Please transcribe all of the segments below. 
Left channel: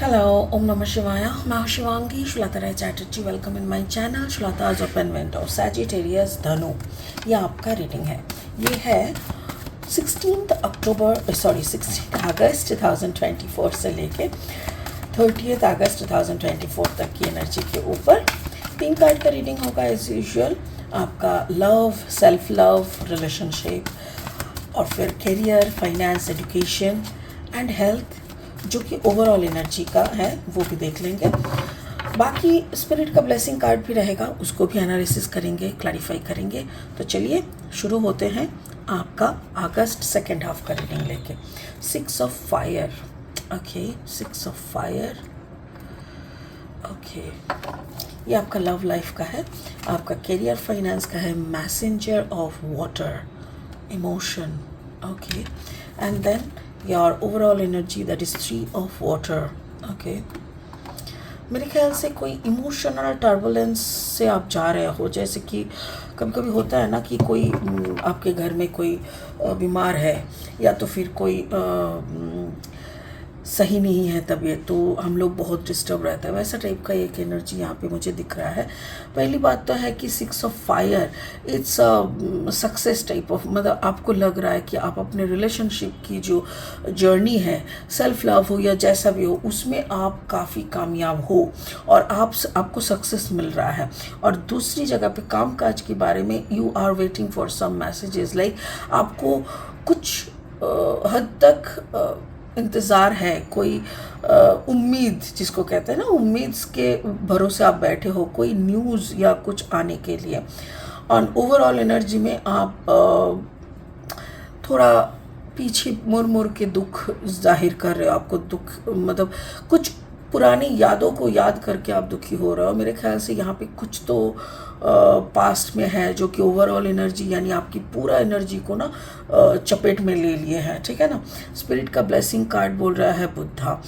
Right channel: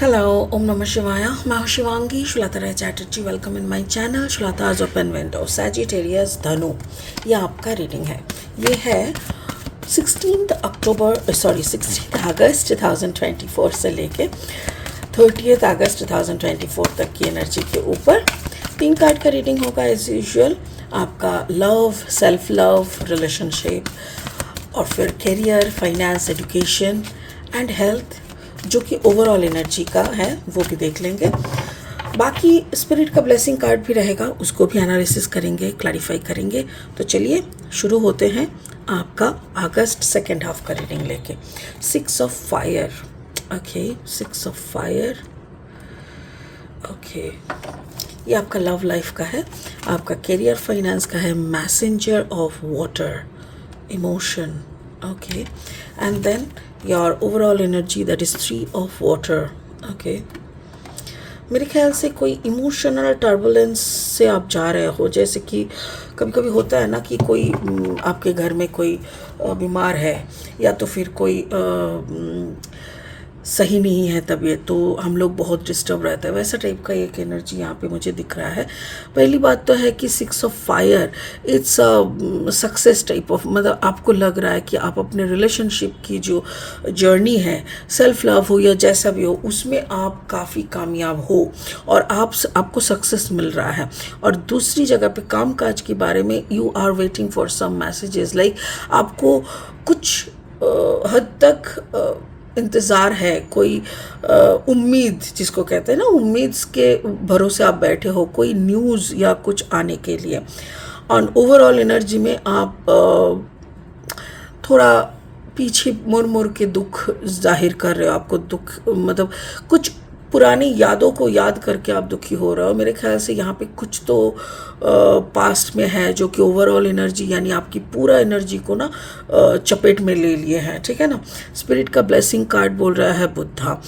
Hello, Om Namah Shivaya. मैं हूँ Shivangi Shulata Rai Chatterjee. Welcome in my channel Shulata's open window. Sagittarius Dhanu, ये आपका रीडिंग है. ये है 16 अगस्त 2024 से लेके 30 अगस्त 2024 तक की एनर्जी के ऊपर 3 कार्ड का रीडिंग होगा एज यूजुअल. आपका लव, सेल्फ लव, रिलेशनशिप और फिर career, finance, education and health, जो कि ओवरऑल एनर्जी का है वो भी देख लेंगे. बाकी स्पिरिट का ब्लेसिंग कार्ड भी रहेगा, उसको भी एनालिसिस करेंगे, क्लैरिफाई करेंगे. तो चलिए शुरू होते हैं आपका अगस्त सेकेंड हाफ का रीडिंग लेके. 6 of fire. Okay, 6 of fire. Okay, ये आपका लव लाइफ का है. आपका करियर, फाइनेंस का है. Messenger of water, emotion. Okay, and then your overall energy, that is 3 of water. okay, मेरे ख्याल से कोई इमोशनल टर्बुलेंस से आप जा रहे हो. जैसे कि कभी कभी होता है ना कि कोई आपके घर में कोई बीमार है, या तो फिर कोई सही नहीं है तबीयत, तो हम लोग बहुत डिस्टर्ब रहता है. वैसा टाइप का एक एनर्जी यहाँ पे मुझे दिख रहा है. पहली बात तो है कि 6 of fire, its success type of, मतलब आपको लग रहा है कि आप अपने रिलेशनशिप की जो जर्नी है, सेल्फ लव हो या जैसा भी हो, उसमें आप काफ़ी कामयाब हो और आपको सक्सेस मिल रहा है. और दूसरी जगह पे कामकाज के बारे में you are waiting for some messages, like आपको कुछ हद तक इंतज़ार है, कोई उम्मीद जिसको कहते हैं ना, उम्मीद के भरोसे आप बैठे हो कोई न्यूज़ या कुछ आने के लिए. और ओवरऑल एनर्जी में आप थोड़ा पीछे मुड़ मुड़ के दुख जाहिर कर रहे हो. आपको दुख, मतलब कुछ पुरानी यादों को याद करके आप दुखी हो रहे हो. मेरे ख्याल से यहाँ पे कुछ तो पास्ट में है जो कि ओवरऑल एनर्जी, यानी आपकी पूरा एनर्जी को ना चपेट में ले लिए हैं. ठीक है ना. स्पिरिट का ब्लेसिंग कार्ड बोल रहा है बुद्धा.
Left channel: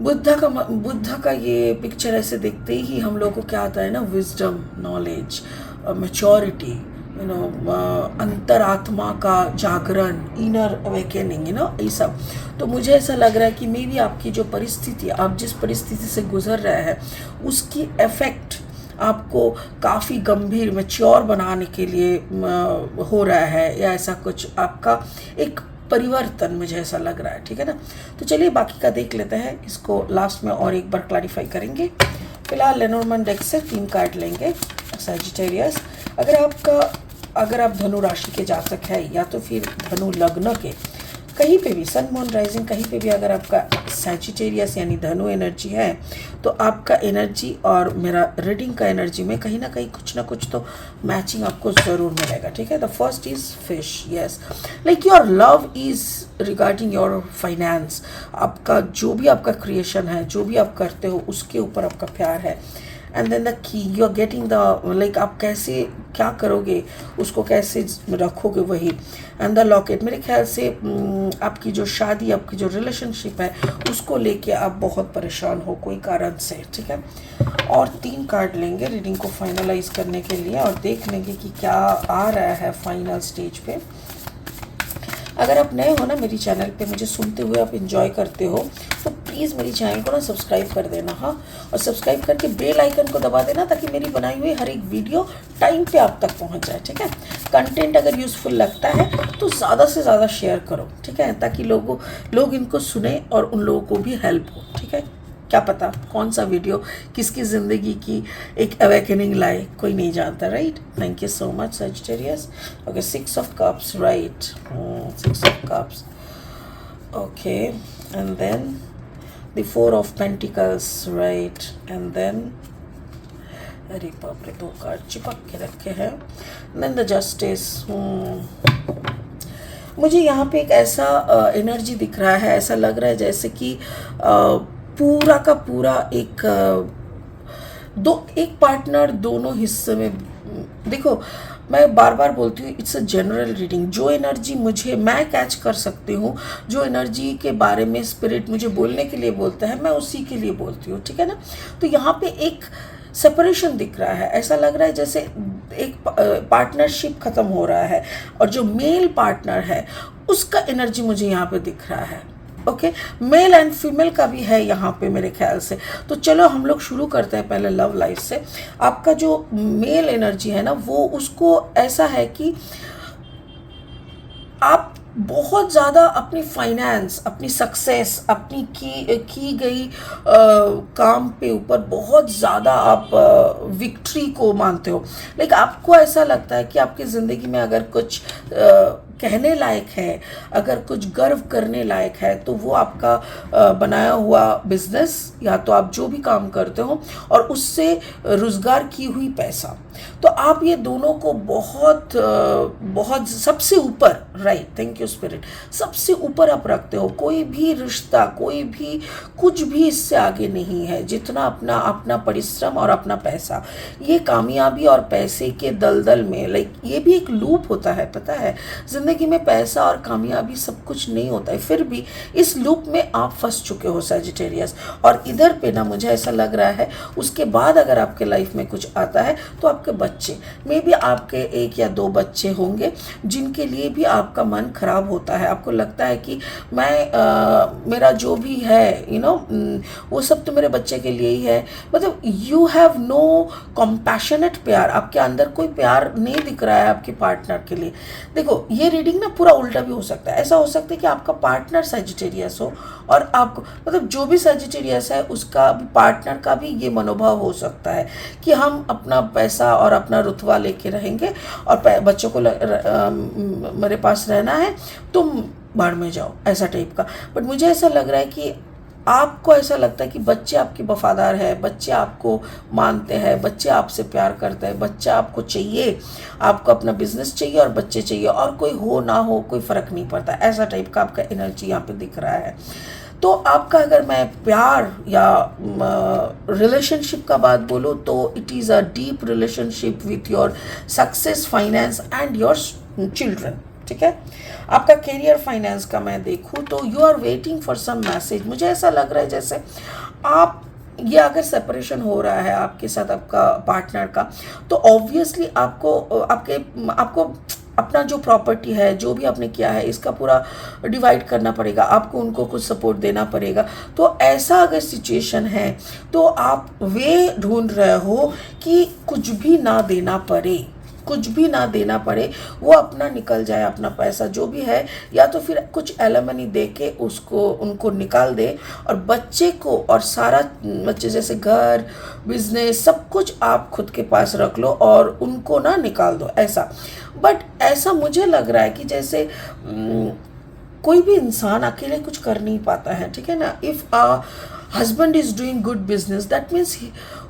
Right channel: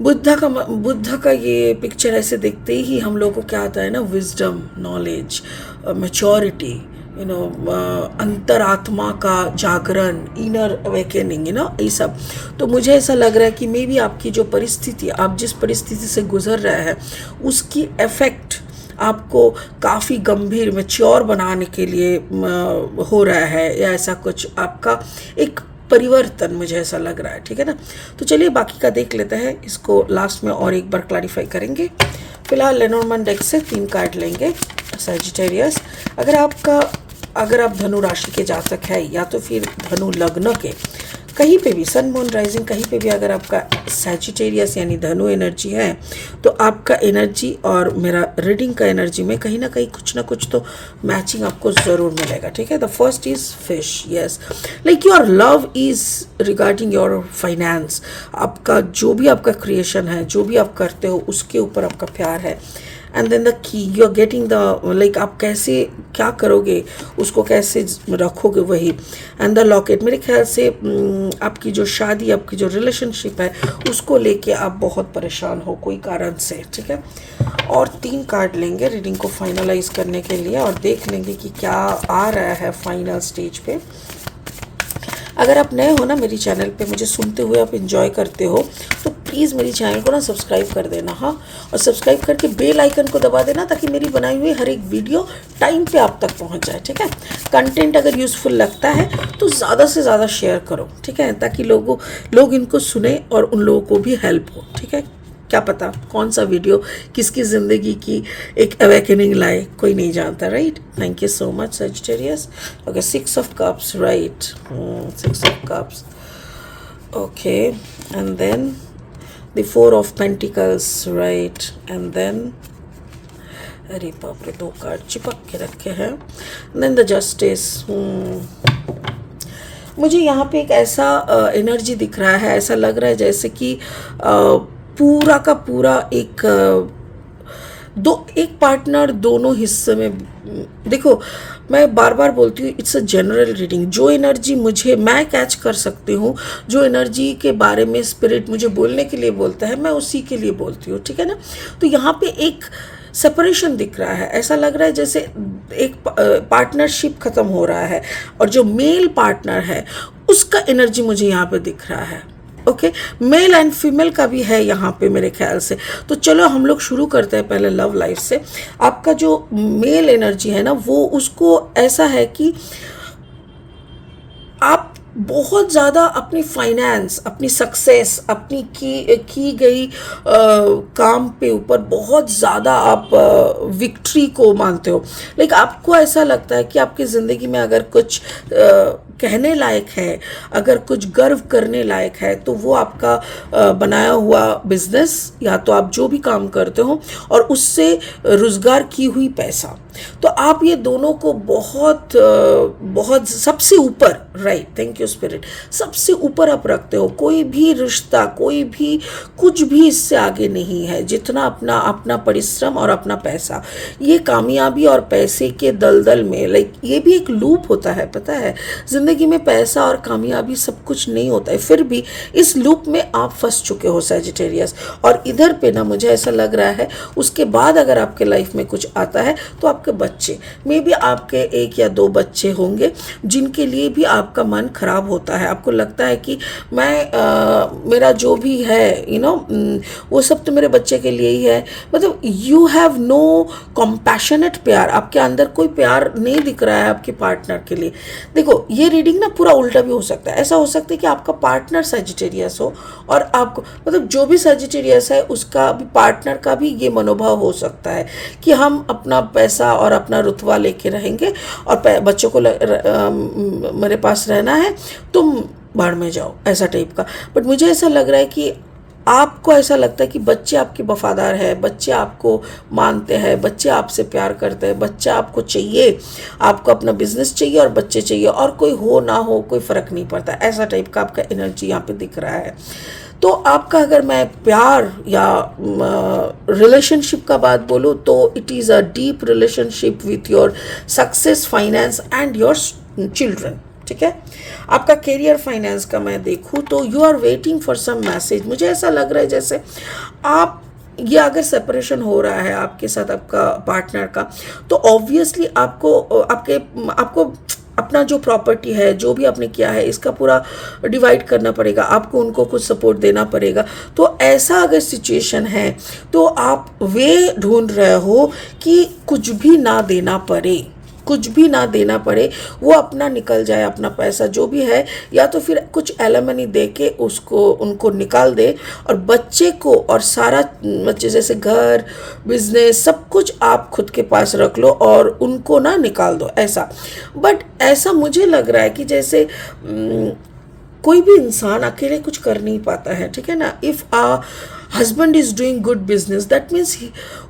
बुद्धा का ये पिक्चर ऐसे देखते ही हम लोगों को क्या आता है ना, विजडम, नॉलेज, मैच्योरिटी, अंतरात्मा का जागरण, इनर अवेकनिंग, ये सब. तो मुझे ऐसा लग रहा है कि मे बी आपकी जो परिस्थिति, आप जिस परिस्थिति से गुजर रहे हैं, उसकी इफेक्ट आपको काफ़ी गंभीर, मैच्योर बनाने के लिए हो रहा है, या ऐसा कुछ आपका एक परिवर्तन, मुझे ऐसा लग रहा है. ठीक है ना. तो चलिए बाकी का देख लेते हैं. इसको लास्ट में और एक बार क्लैरिफाई करेंगे. फिलहाल लेनोर्मन डेक से 3 कार्ड लेंगे. सैजिटेरियस, अगर आप धनु राशि के जातक है, या तो फिर धनु लग्न के, कहीं पे भी सन मून राइजिंग, कहीं पे भी अगर आपका सैजिटेरियस यानी धनु एनर्जी है, तो आपका एनर्जी और मेरा रीडिंग का एनर्जी में कहीं ना कहीं कुछ ना कुछ तो मैचिंग आपको ज़रूर मिलेगा. ठीक है. The first is fish. Yes, like your love is regarding your finance. आपका जो भी आपका क्रिएशन है, जो भी आप करते हो, उसके ऊपर आपका प्यार है. And then the key, you are getting the, like आप कैसे क्या करोगे, उसको कैसे रखोगे, वही. एंड द लॉकेट, मेरे ख्याल से आपकी जो शादी, आपकी जो रिलेशनशिप है, उसको लेके आप बहुत परेशान हो कोई कारण से. ठीक है. और 3 कार्ड लेंगे रीडिंग को फाइनलाइज करने के लिए, और देख लेंगे कि क्या आ रहा है फाइनल स्टेज पे. अगर आप नए हो ना मेरी चैनल पे, मुझे सुनते हुए आप एंजॉय करते हो, तो प्लीज़ मेरी चैनल को ना सब्सक्राइब कर देना. हाँ, और सब्सक्राइब करके बेल आइकन को दबा देना, ताकि मेरी बनाई हुई हर एक वीडियो टाइम पे आप तक पहुंच जाए. ठीक है. कंटेंट अगर यूज़फुल लगता है तो ज़्यादा से ज़्यादा शेयर करो. ठीक है, ताकि लोग इनको सुने और उन लोगों को भी हेल्प हो. ठीक है. क्या पता कौन सा वीडियो किसकी ज़िंदगी की एक अवेकनिंग लाए, कोई नहीं जानता. Right. Thank you so much Sagittarius. Okay, 6 of cups. Right, 6 of cups. Okay, and then the 4 of pentacles. Right, and then, अरे बाप रे, 2 कार्ड चिपक के रखे हैं. Then the justice. मुझे यहाँ पे एक ऐसा एनर्जी दिख रहा है, ऐसा लग रहा है जैसे कि पूरा का पूरा एक पार्टनर दोनों हिस्से में. देखो, मैं बार बार बोलती हूँ, इट्स अ जनरल रीडिंग. जो एनर्जी मैं कैच कर सकती हूँ, जो एनर्जी के बारे में स्पिरिट मुझे बोलने के लिए बोलता है, मैं उसी के लिए बोलती हूँ. ठीक है ना. तो यहाँ पे एक सेपरेशन दिख रहा है. ऐसा लग रहा है जैसे एक पार्टनरशिप ख़त्म हो रहा है, और जो मेल पार्टनर है उसका एनर्जी मुझे यहाँ पे दिख रहा है. ओके, मेल एंड फीमेल का भी है यहाँ पे मेरे ख्याल से। तो चलो हम लोग शुरू करते हैं पहले लव लाइफ से। आपका जो मेल एनर्जी है ना, वो उसको ऐसा है कि आप बहुत ज़्यादा अपनी फाइनेंस, अपनी सक्सेस, अपनी की गई काम पे ऊपर बहुत ज़्यादा आप विक्ट्री को मानते हो। लाइक आपको ऐसा लगता है कि आपकी ज़िंदगी में अगर कुछ कहने लायक है, अगर कुछ गर्व करने लायक है, तो वो आपका बनाया हुआ बिजनेस, या तो आप जो भी काम करते हो और उससे रोज़गार की हुई पैसा। तो आप ये दोनों को बहुत बहुत सबसे ऊपर, राइट, थैंक यू स्पिरिट, सबसे ऊपर आप रखते हो। कोई भी रिश्ता, कोई भी कुछ भी इससे आगे नहीं है, जितना अपना अपना परिश्रम और अपना पैसा। ये कामयाबी और पैसे के दलदल में, लाइक ये भी एक लूप होता है, पता है, जिंदगी में पैसा और कामयाबी सब कुछ नहीं होता है, फिर भी इस लूप में आप फंस चुके हो सजिटेरियस। और इधर पे ना मुझे ऐसा लग रहा है, उसके बाद अगर आपके लाइफ में कुछ आता है तो आपके बच्चे, मे बी आपके 1 या 2 बच्चे होंगे जिनके लिए भी आपका मन खराब होता है। आपको लगता है कि मेरा जो भी है वो सब तो मेरे बच्चे के लिए ही है। मतलब यू हैव नो कॉम्पैशनेट प्यार, आपके अंदर कोई प्यार नहीं दिख रहा है आपके पार्टनर के लिए। देखो, ये रीडिंग ना पूरा उल्टा भी हो सकता है। ऐसा हो सकता है कि आपका पार्टनर सजिटेरियस हो और आपको, मतलब जो भी सजिटेरियस है उसका भी, पार्टनर का भी ये मनोभाव हो सकता है कि हम अपना पैसा और अपना रुतबा लेके रहेंगे और बच्चों को मेरे पास रहना है, तुम बाढ़ में जाओ, ऐसा टाइप का। बट मुझे ऐसा लग रहा है कि आपको ऐसा लगता है कि बच्चे आपके वफादार हैं, बच्चे आपको मानते हैं, बच्चे आपसे प्यार करते हैं, बच्चा आपको चाहिए, आपको अपना बिजनेस चाहिए और बच्चे चाहिए, और कोई हो ना हो कोई फ़र्क नहीं पड़ता। ऐसा टाइप का आपका एनर्जी यहाँ पे दिख रहा है। तो आपका, अगर मैं प्यार या रिलेशनशिप का बात बोलूँ, तो it is a deep relationship with your success, finance and your children. ठीक है, आपका करियर फाइनेंस का मैं देखूँ तो you are waiting for some message. मुझे ऐसा लग रहा है जैसे आप, ये अगर सेपरेशन हो रहा है आपके साथ आपका पार्टनर का, तो ऑब्वियसली आपको अपना जो प्रॉपर्टी है, जो भी आपने किया है, इसका पूरा डिवाइड करना पड़ेगा, आपको उनको कुछ सपोर्ट देना पड़ेगा। तो ऐसा अगर सिचुएशन है तो आप वे ढूंढ रहे हो कि कुछ भी ना देना पड़े, कुछ भी ना देना पड़े, वो अपना निकल जाए, अपना पैसा जो भी है, या तो फिर कुछ एलिमनी दे के उनको निकाल दे, और बच्चे को और सारा, बच्चे जैसे घर, बिजनेस, सब कुछ आप खुद के पास रख लो और उनको ना निकाल दो, ऐसा। बट ऐसा मुझे लग रहा है कि जैसे कोई भी इंसान अकेले कुछ कर नहीं पाता है, ठीक है ना। If a husband is doing good business, that means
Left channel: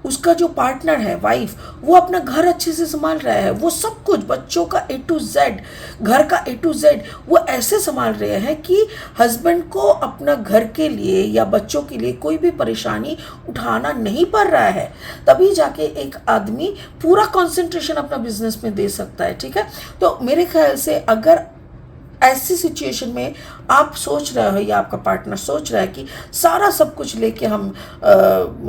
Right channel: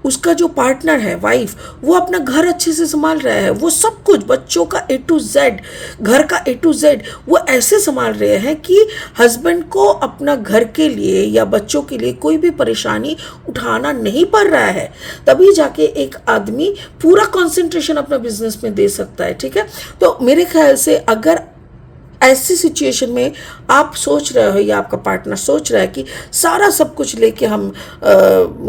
उसका जो पार्टनर है, वाइफ, वो अपना घर अच्छे से संभाल रहा है, वो सब कुछ, बच्चों का A to Z, घर का A to Z वो ऐसे संभाल रहे हैं कि हस्बैंड को अपना घर के लिए या बच्चों के लिए कोई भी परेशानी उठाना नहीं पड़ रहा है। तभी जाके एक आदमी पूरा कंसंट्रेशन अपना बिजनेस में दे सकता है, ठीक है। तो मेरे ख्याल से अगर ऐसी सिचुएशन में आप सोच रहे हो या आपका पार्टनर सोच रहा है कि सारा सब कुछ लेके हम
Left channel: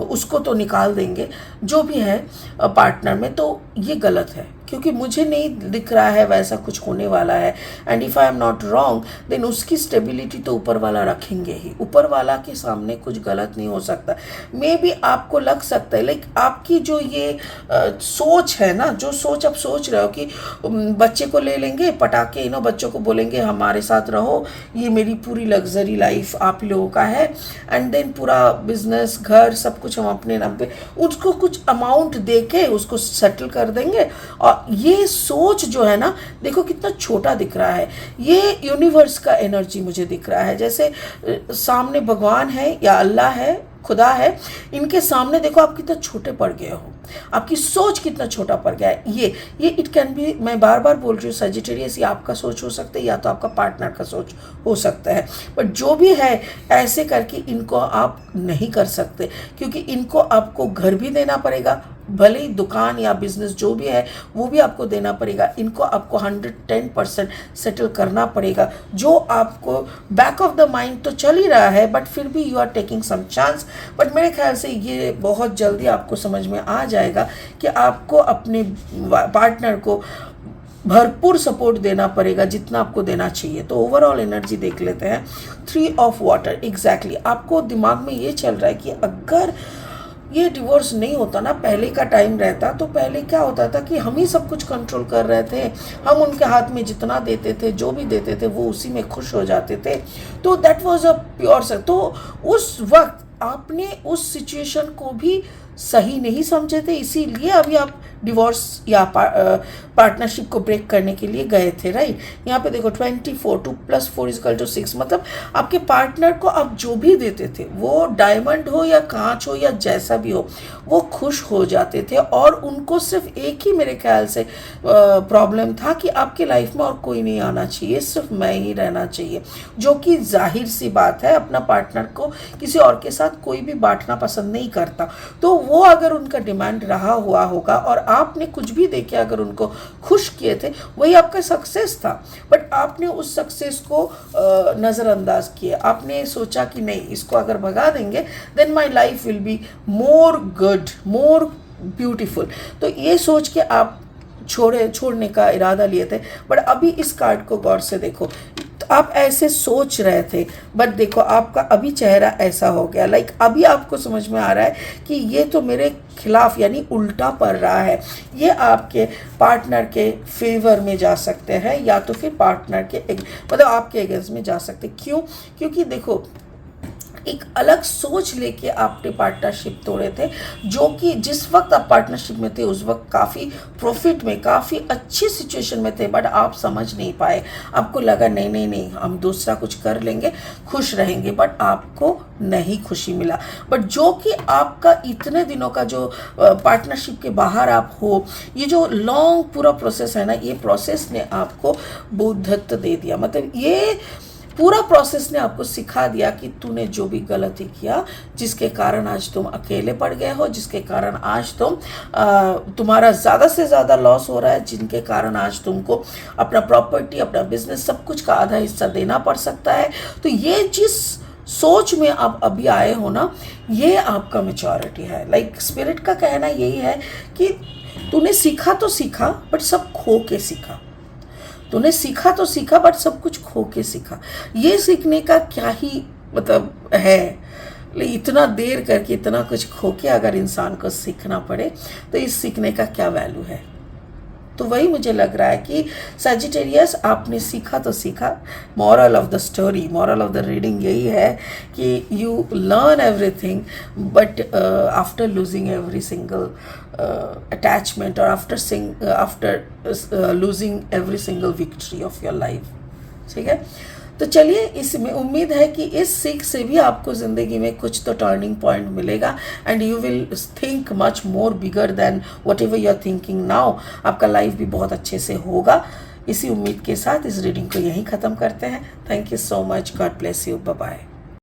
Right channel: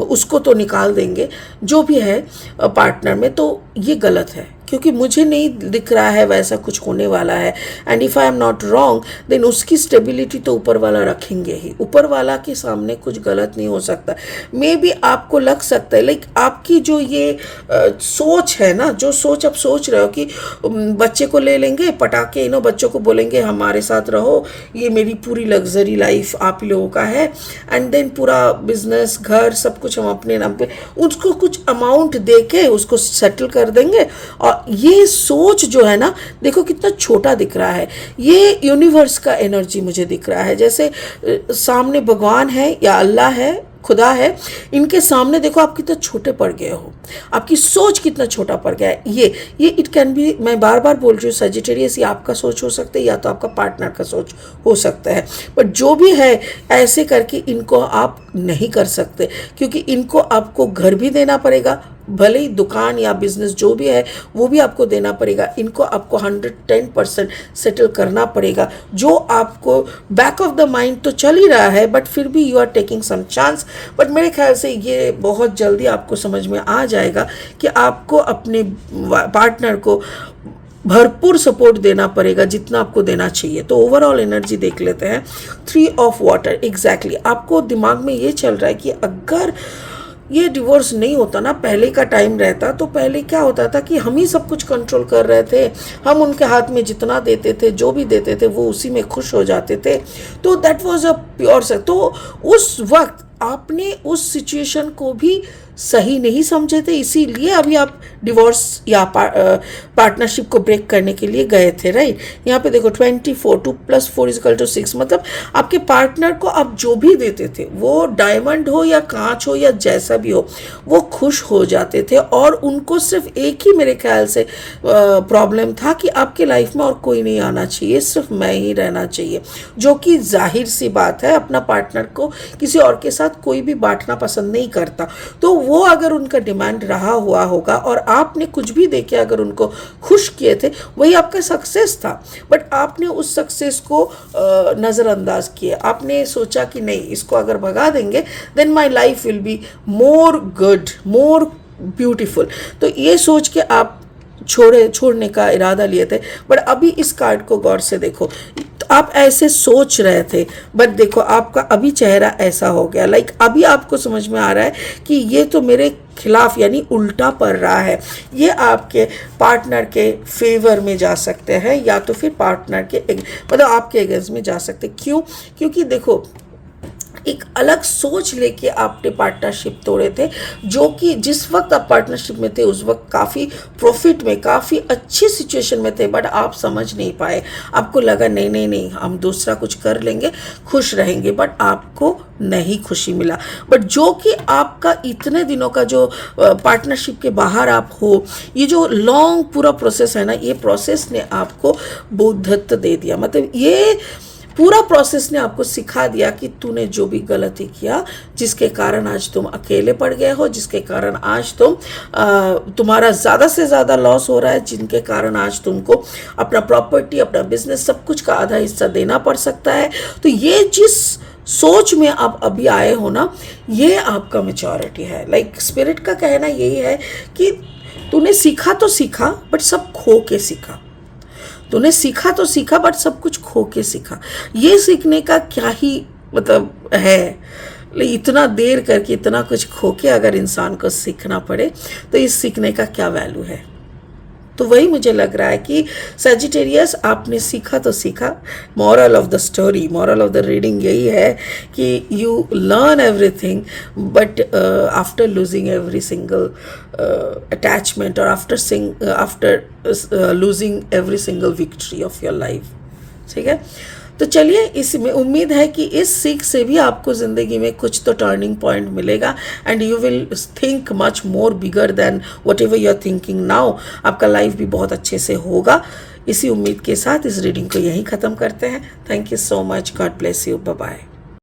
उसको तो निकाल देंगे जो भी है पार्टनर में, तो ये गलत है, क्योंकि मुझे नहीं दिख रहा है वैसा कुछ होने वाला है। And if I am not wrong, then उसकी स्टेबिलिटी तो ऊपर वाला रखेंगे ही, ऊपर वाला के सामने कुछ गलत नहीं हो सकता। मे बी आपको लग सकता है, लाइक आपकी जो ये सोच है ना, जो सोच आप सोच रहे हो कि बच्चे को ले लेंगे, पटाके बच्चों को बोलेंगे हमारे साथ रहो, ये मेरी पूरी लग्जरी लाइफ आप लोगों का है, एंड देन पूरा बिजनेस, घर, सब कुछ हम अपने नाम पे उसको कुछ अमाउंट दे के उसको सेटल कर देंगे। और ये सोच जो है ना, देखो कितना छोटा दिख रहा है। ये यूनिवर्स का एनर्जी मुझे दिख रहा है, जैसे सामने भगवान है या अल्लाह है, खुदा है, इनके सामने देखो आप कितना छोटे पड़ गए हो, आपकी सोच कितना छोटा पड़ गया है। ये इट कैन बी, मैं बार बार बोल रही हूँ, सजिटेरियस ये आपका सोच हो सकता है या तो आपका पार्टनर का सोच हो सकता है। बट जो भी है, ऐसे करके इनको आप नहीं कर सकते, क्योंकि इनको आपको घर भी देना पड़ेगा, भले ही दुकान या बिजनेस जो भी है वो भी आपको देना पड़ेगा, इनको आपको 110% सेटल करना पड़ेगा। जो आपको बैक ऑफ द माइंड तो चल ही रहा है, बट फिर भी you are taking some chance. But मेरे ख्याल से ये बहुत जल्दी आपको समझ में आ जाएगा कि आपको अपने पार्टनर को भरपूर सपोर्ट देना पड़ेगा जितना आपको देना चाहिए। तो ओवरऑल एनर्जी देख लेते हैं। 3 ऑफ वाटर, एग्जैक्टली आपको दिमाग में ये चल रहा है कि अगर ये डिवोर्स नहीं होता ना, पहले का टाइम रहता, तो पहले क्या होता था कि हम ही सब कुछ कंट्रोल कर रहे थे, हम उनके हाथ में जितना देते थे, जो भी देते थे, वो उसी में खुश हो जाते थे। तो that was a pure sex. तो उस वक्त आपने उस सिचुएशन को भी सही नहीं समझे थे, इसीलिए अभी आप डिवोर्स या पार्टनरशिप को ब्रेक करने के लिए गए थे, राइट। यहाँ पे देखो 24, 2 + 4 = 6, मतलब आपके पार्टनर को आप जो भी देते थे, वो डायमंड हो या कांच हो या जैसा भी हो, वो खुश हो जाते थे। और उनको सिर्फ एक ही मेरे ख्याल से प्रॉब्लम था कि आपके लाइफ में और कोई नहीं आना चाहिए, सिर्फ मैं ही रहना चाहिए, जो कि जाहिर सी बात है, अपना पार्टनर को किसी और के साथ कोई भी बांटना पसंद नहीं करता। तो वो अगर उनका डिमांड रहा हुआ होगा और आपने कुछ भी देके अगर उनको खुश किए थे, वही आपका सक्सेस था। बट आपने उस सक्सेस को नज़रअंदाज किया। आपने सोचा कि नहीं, इसको अगर भगा देंगे then my life will be more good, more beautiful. तो ये सोच के आप छोड़ने का इरादा लिए थे। बट अभी इस कार्ड को गौर से देखो, तो आप ऐसे सोच रहे थे, बट देखो आपका अभी चेहरा ऐसा हो गया, लाइक अभी आपको समझ में आ रहा है कि ये तो मेरे खिलाफ यानी उल्टा पड़ रहा है। ये आपके पार्टनर के फेवर में जा सकते हैं या तो फिर पार्टनर के मतलब आपके अगेंस्ट में जा सकते। क्यों? क्योंकि देखो एक अलग सोच लेके आपने पार्टनरशिप तोड़े थे, जो कि जिस वक्त आप पार्टनरशिप में थे उस वक्त काफ़ी प्रॉफिट में, काफ़ी अच्छी सिचुएशन में थे, बट आप समझ नहीं पाए। आपको लगा नहीं नहीं नहीं, हम दूसरा कुछ कर लेंगे, खुश रहेंगे, बट आपको नहीं खुशी मिला। बट जो कि आपका इतने दिनों का जो पार्टनरशिप के बाहर आप हो, ये जो लॉन्ग पूरा प्रोसेस है ना, ये प्रोसेस ने आपको बुद्धत्व दे दिया। मतलब ये पूरा प्रोसेस ने आपको सिखा दिया कि तूने जो भी गलती किया, जिसके कारण आज तुम अकेले पड़ गए हो, जिसके कारण आज तुम्हारा ज़्यादा से ज़्यादा लॉस हो रहा है, जिनके कारण आज तुमको अपना प्रॉपर्टी, अपना बिजनेस, सब कुछ का आधा हिस्सा देना पड़ सकता है। तो ये जिस सोच में आप अभी आए हो ना, ये आपका मैच्योरिटी है। लाइक स्पिरिट का कहना यही है कि तूने सीखा तो सीखा, बट सब खो के सीखा। तूने सीखा तो सीखा, बट सब कुछ खो के सीखा। ये सीखने का क्या ही मतलब है, इतना देर करके इतना कुछ खो के अगर इंसान को सीखना पड़े, तो इस सीखने का क्या वैल्यू है। तो वही मुझे लग रहा है कि सजिटेरियस, आपने सीखा तो सीखा। Moral of the story, moral of the reading यही है कि you learn everything, but after losing every single attachment, और after losing every single victory of your life. ठीक है, तो चलिए, इसमें उम्मीद है कि इस सीख से भी आपको ज़िंदगी में कुछ तो टर्निंग पॉइंट मिलेगा, and you will think much more bigger than whatever you are thinking now. आपका लाइफ भी बहुत अच्छे से होगा। इसी उम्मीद के साथ इस रीडिंग को यहीं ख़त्म करते हैं। Thank you so much, God bless you, bye bye.